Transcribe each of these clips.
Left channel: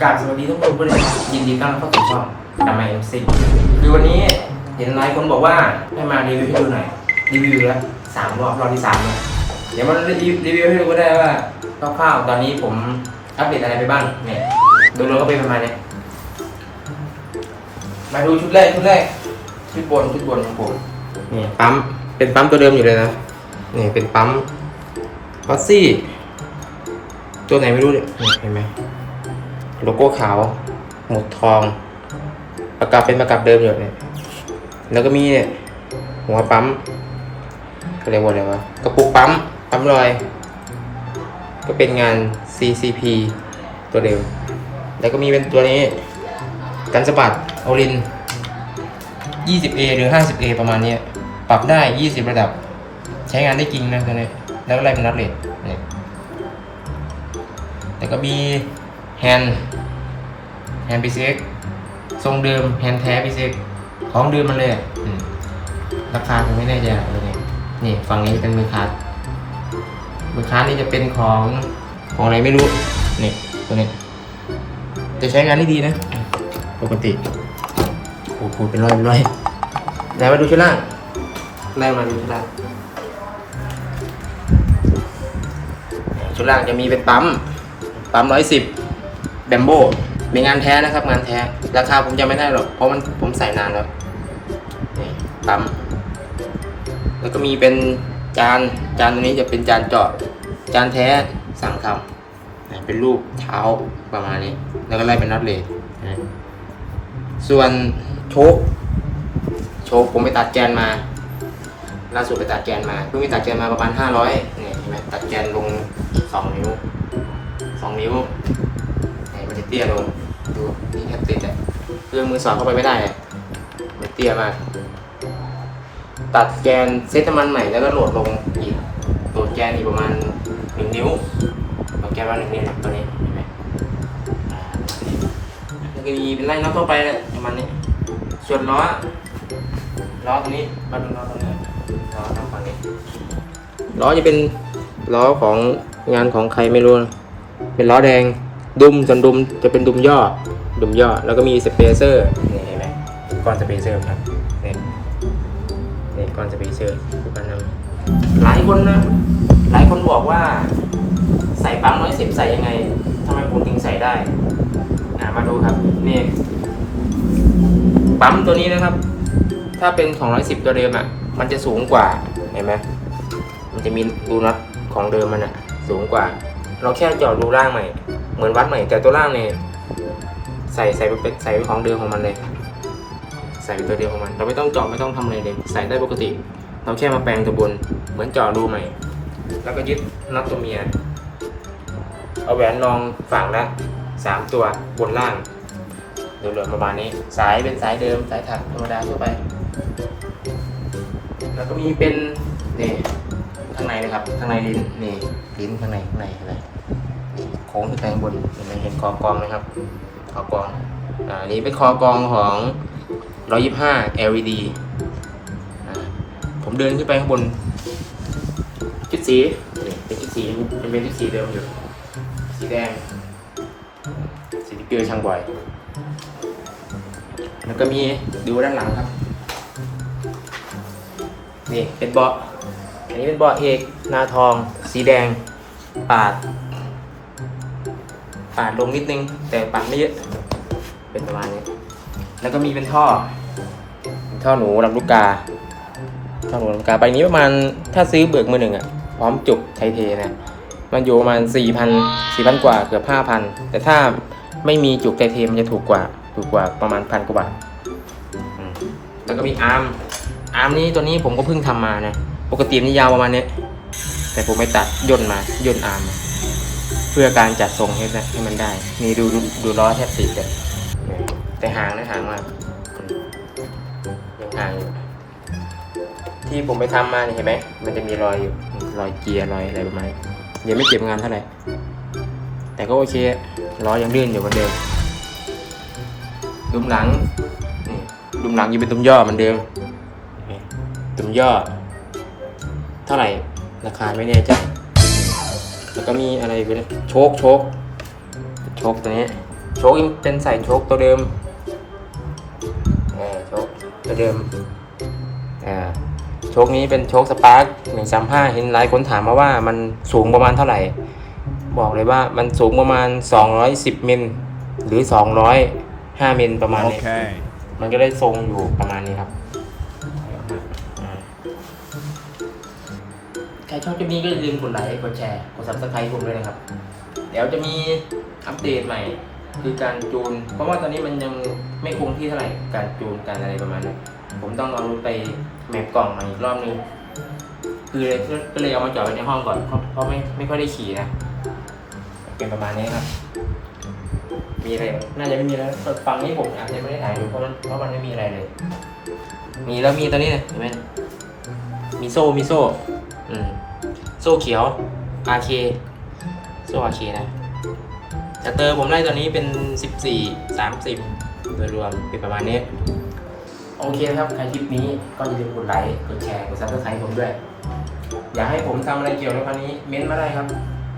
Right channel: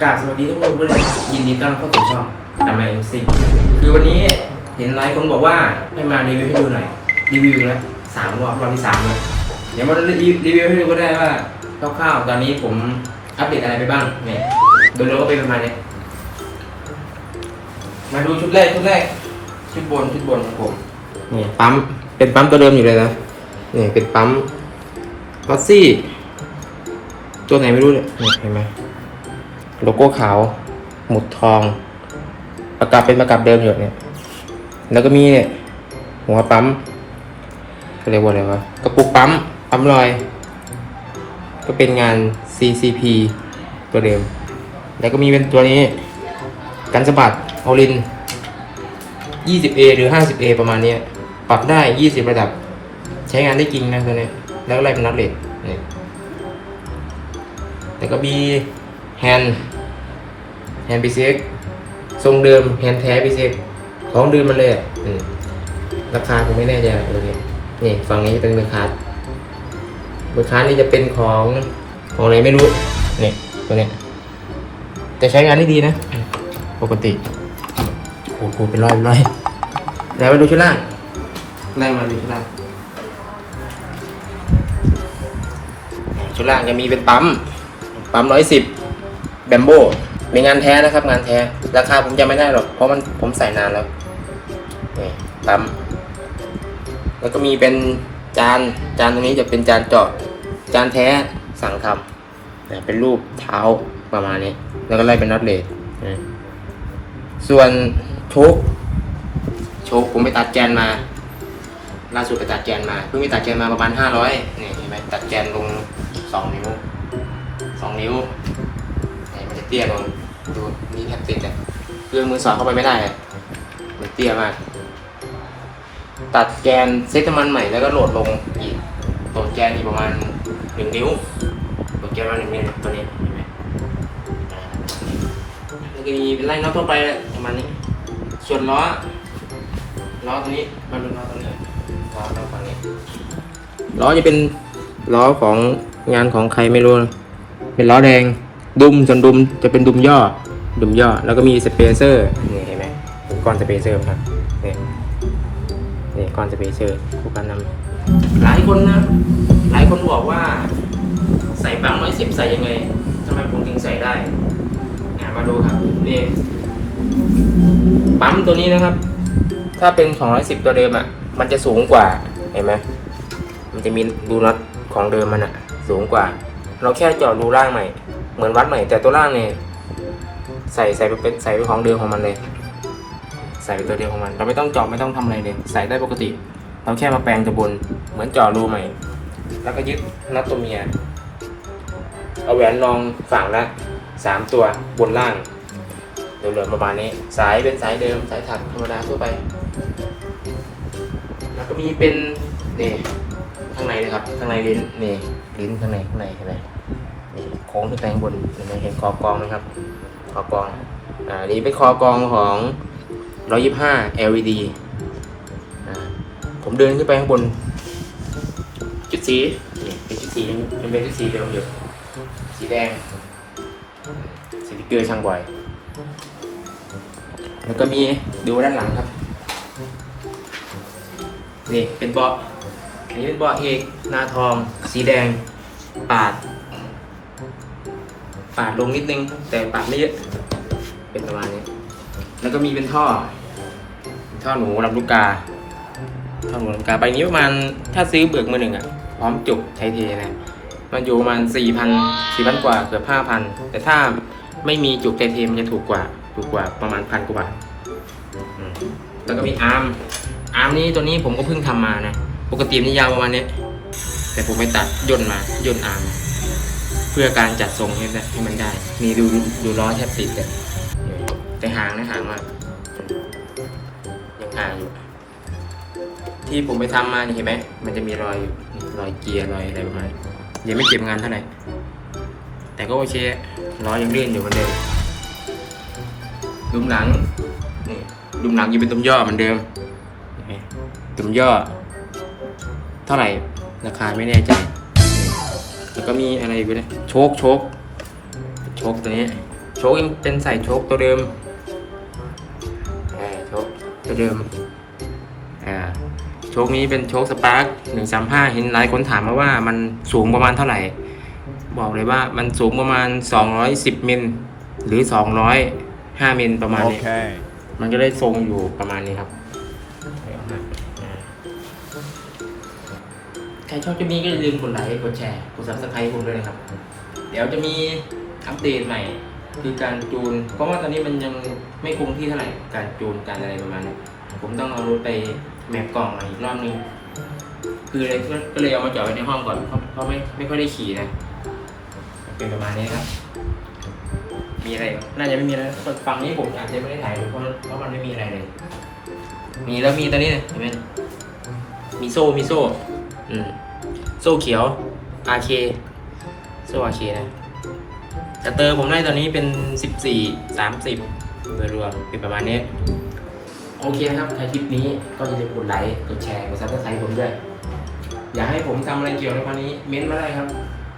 กับสวัสดีทุกคนเพื่อนยินดีต้อนรับเข้าสู่ช่องกามาเอ็มซีคือวันนี้เห็นหลายคนบอกว่าให้มารีวิวให้ดูหน่อย รีวิวแล้วสามรอบรอบที่สามแล้วเดี๋ยวมารีวิวให้ดูก็ได้ว่าคร่าวๆตอนนี้ผมอัปเดตอะไรไปบ้างเนี่ยโดยรวมก็เป็นประมาณนี้มาดูชุดแรกชุดแรกชุดบนชุดบนของผมนี่ปั๊มเป็นปั๊มตัวเดิมอยู่เลยนะนี่เป็นปั๊มออสซี่ตัวไหนไม่รู้เนี่ยเห็นไหม โลโก้ขาว หมุดทองประกับเป็นประกับเดิมอยู่เนี่ยแล้วก็มีเนี่ยหัวปั๊มเรียกว่าอะไรวะกระปุกปั๊มปั๊มลอย ก็เป็นงาน CCP ตัวเดิม แล้วก็มีเป็นตัวนี้ กันสะบัดโอลิน 20A หรือ 50A ประมาณนี้ปรับได้ 20 ระดับ ใช้งานได้จริงนะตัวนี้ แล้วก็ไล่เป็นนัดเลทนี่แล้วก็มีแฮนด์ แฮนด์ PCX ทรงเดิมแฮนด์แท้ PCX ของเดิมมันเลยอะอืมราคาผมไม่แน่ใจตัวนี้นี่ฝั่งนี้เป็นเบอร์คาร์ดเบอร์คาร์ดนี่จะเป็นของของอะไรไม่รู้นี่ตัวนี้แต่ใช้งานได้ดีนะ ปกติโอ้โหเป็นร้อยเป็นร้อยไหนมาดูชุดล่างไล่มาดูชุดล่างชุดล่างจะมีเป็นปั๊ม ปั๊มร้อยสิบแบมโบ เป็นงานแท้นะครับ งานแท้ ราคาผมจำไม่ได้หรอก เพราะมันผมใส่นานแล้ว นี่ปั๊ม แล้วก็มีเป็นจาน จานตรงนี้จะเป็นจานเจาะ จานแท้สั่งทำนะเป็นรูปเท้าประมาณนี้ แล้วก็ไล่เป็นน็อตเลสส่วนโชคโชคผมไปตัดแกนมา ล่าสุดไปตัดแกนมา เพิ่งไปตัดแกนมาประมาณห้าร้อยนี่เห็นไหมตัดแกนลงสองนิ้วสองนิ้ว มันจะเตี้ยลงดูนี่แทบติดเลยเรื่องมือสอดเข้าไปไม่ได้เตี้ยมากตัดแกนเซตมันใหม่แล้วก็โหลดลงอีกโหลดแกนอีกประมาณหนึ่งนิ้วโหลดแกนมาหนึ่งนิ้วตัวนี้เห็นไหมแล้วก็มีเป็นไล่น็อตทั่วไปประมาณนี้ ส่วนล้อล้อตัวนี้มาดูล้อตัวนี้ล้อตัวฝั่งนี้ล้อจะเป็นล้อของงานของใครไม่รู้ เป็นล้อแดง ดุมส่วนดุมจะเป็นดุมย่อ ดุมย่อ แล้วก็มีสเปเซอร์นี่เห็นไหมก้อนสเปเซอร์ครับนี่นี่ก้อนสเปเซอร์ผู้การนำหลายคนนะ หลายคนบอกว่า ใส่ปั๊มร้อยสิบใส่ยังไงทำไมผมถึงใส่ได้อะมาดูครับนี่ปั๊มตัวนี้นะครับ ถ้าเป็นของร้อยสิบตัวเดิมอะ มันจะสูงกว่าเห็นไหมมันจะมีรูน็อตของเดิมมันอะ สูงกว่า เราแค่เจาะรูล่างหน่อย มือนวัดหน่แต่ตัวล่างเนี่ยใส่ใส่ไปเป็นใส่ไปของเดิมของมันเลย ใส่ไปตัวเดิมของมัน เราไม่ต้องเจาะไม่ต้องทำอะไรเลยใส่ได้ปกติ เราแค่มาแปลงตัวบนเหมือนเจาะรูใหม่ แล้วก็ยึดน็อตตัวเมียเอาแหวนรองฝั่งละสามตัวบนล่างเดิมๆประมาณนี้ สายเป็นสายเดิมสายถักธรรมดาทั่วไป แล้วก็มีเป็นนี่ข้างในนะครับข้างในลิ้นนี่ลิ้นข้างในข้างในข้างใน ค้งขึ้นไปข้างบนเห็นคอกรองนะครับ คอกรองอ่านี่เป็นคอกรองของ 125 LED อ่าผมเดินขึ้นไปข้างบนชุดสีนี่เป็นชุดสีเป็นเป็นชุดสีเดิมอยู่ สีแดงสติกเกอร์ช่างบ่อย แล้วก็มีดูด้านหลังครับ นี่เป็นเบาะอันนี้เป็นเบาะเอกนาทอง สีแดง ปาด ปาดลงนิดนึง แต่ปาดไม่เยอะ เป็นประมาณนี้ แล้วก็มีเป็นท่อ ท่อหนูลำลูกกา ท่อหนูลำลูกกาใบนี้ประมาณถ้าซื้อเบิกมือหนึ่งอะพร้อมจุกไทยเทนะ มันอยู่ประมาณสี่พันสี่พันกว่าเกือบห้าพันแต่ถ้าไม่มีจุกไทเทมจะถูกกว่าถูกกว่าประมาณพันกว่าบาทอืมแล้วก็มีอาร์ม อาร์มนี่ตัวนี้ผมก็เพิ่งทำมานะ ปกติมันยาวประมาณเนี้ยแต่ผมไปตัดย่นมาย่นอาร์ม เพื่อการจัดทรงให้ให้มันได้นี่ดูดูดูล้อแทบติดเลยแต่หางนะหางมายังหางอยู่ ที่ผมไปทำมานี่เห็นไหม มันจะมีรอยอยู่รอยเกียร์รอยอะไรประมาณนี้ยังไม่เก็บงานเท่าไหร่ แต่ก็โอเคล้อยังลื่นอยู่เหมือนเดิมดุมหนังนี่ดุมหนังยังเป็นดุมย่อเหมือนเดิมเห็นไหมดุมย่อ เท่าไหร่ราคาไม่แน่ใจ แล้วก็มีอะไรอีกเนี่ยโชคโชคโชคตัวนี้โชชคยังเป็นใส่โชคตัวเดิมอ่าโชคตัวเดิมอ่าโชคนี้เป็นโชคสปาร์คหนึ่งสามห้าเห็นหลายคนถามมาว่ามันสูงประมาณเท่าไหร่ บอกเลยว่ามันสูงประมาณ210มิลหรือ205มิลประมาณนี้ Okay. มันก็ได้ทรงอยู่ประมาณนี้ครับ ครชอบคลิปนี้ก็อย่าลืมกดไลค์กดแชร์กด subscribe ผมด้วยนะครับ เดี๋ยวจะมีอัปเดตใหม่ คือการจูน เพราะว่าตอนนี้มันยังไม่คงที่เท่าไหร่การจูนการอะไรประมาณนี้ผมต้องเอารถไปแมปกล่องอีกรอบนึงคือเลยก็เลยเอามาจอดไว้ในห้องก่อนเพราะเพราะไม่ไม่ค่อยได้ขี่นะเป็นประมาณนี้ครับ มีอะไร น่าจะไม่มีแล้วฝั่งนี้ผมอาจจะไม่ได้ถ่ายดูเพราะเพราะมันไม่มีอะไรเลย มีแล้วมีตัวนี้เห็นไหมมีโซ่มีโซ่ อืมโซ่เขียว RK โซ่ RK นะแต่เตอร์ผมได้ตอนนี้เป็น 14 30 โดยรวมเป็นประมาณนี้ โอเคนะครับใครคลิปนี้ก็อย่าลืมกดไลค์กดแชร์กดซับสไครต์ผมด้วย อยากให้ผมทำอะไรเกี่ยวกับคันนี้เม้นต์มาได้ครับ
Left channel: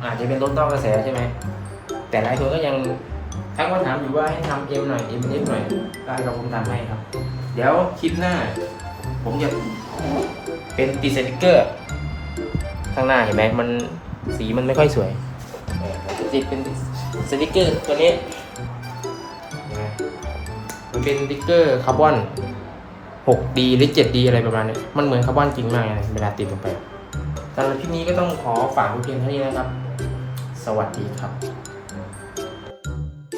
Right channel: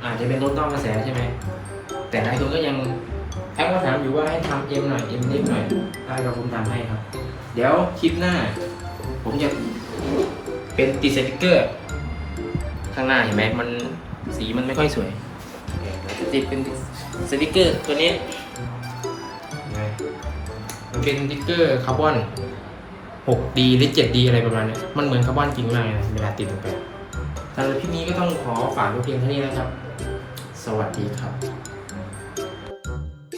อาจจะเป็นรถต้องกระแสใช่ไหม แต่หลายคนก็ยังทักมาถามอยู่ว่าให้ทำเอ็มหน่อยเอ็มเล็กหน่อยได้เราผมทำให้ครับ เดี๋ยวคลิปหน้า ผมจะเป็นติดสติกเกอร์ ข้างหน้าเห็นไหมมันสีมันไม่ค่อยสวยเออเราจะติดเป็นสติกเกอร์ตัวนี้เห็นไหมมันเป็นสติกเกอร์คาร์บอน 6D หรือ 7D อะไรประมาณนี้มันเหมือนคาร์บอนจริงมากนะเวลาติดลงไปสำหรับคลิปนี้ก็ต้องขอฝากไว้เพียงเท่านี้นะครับ สวัสดีครับ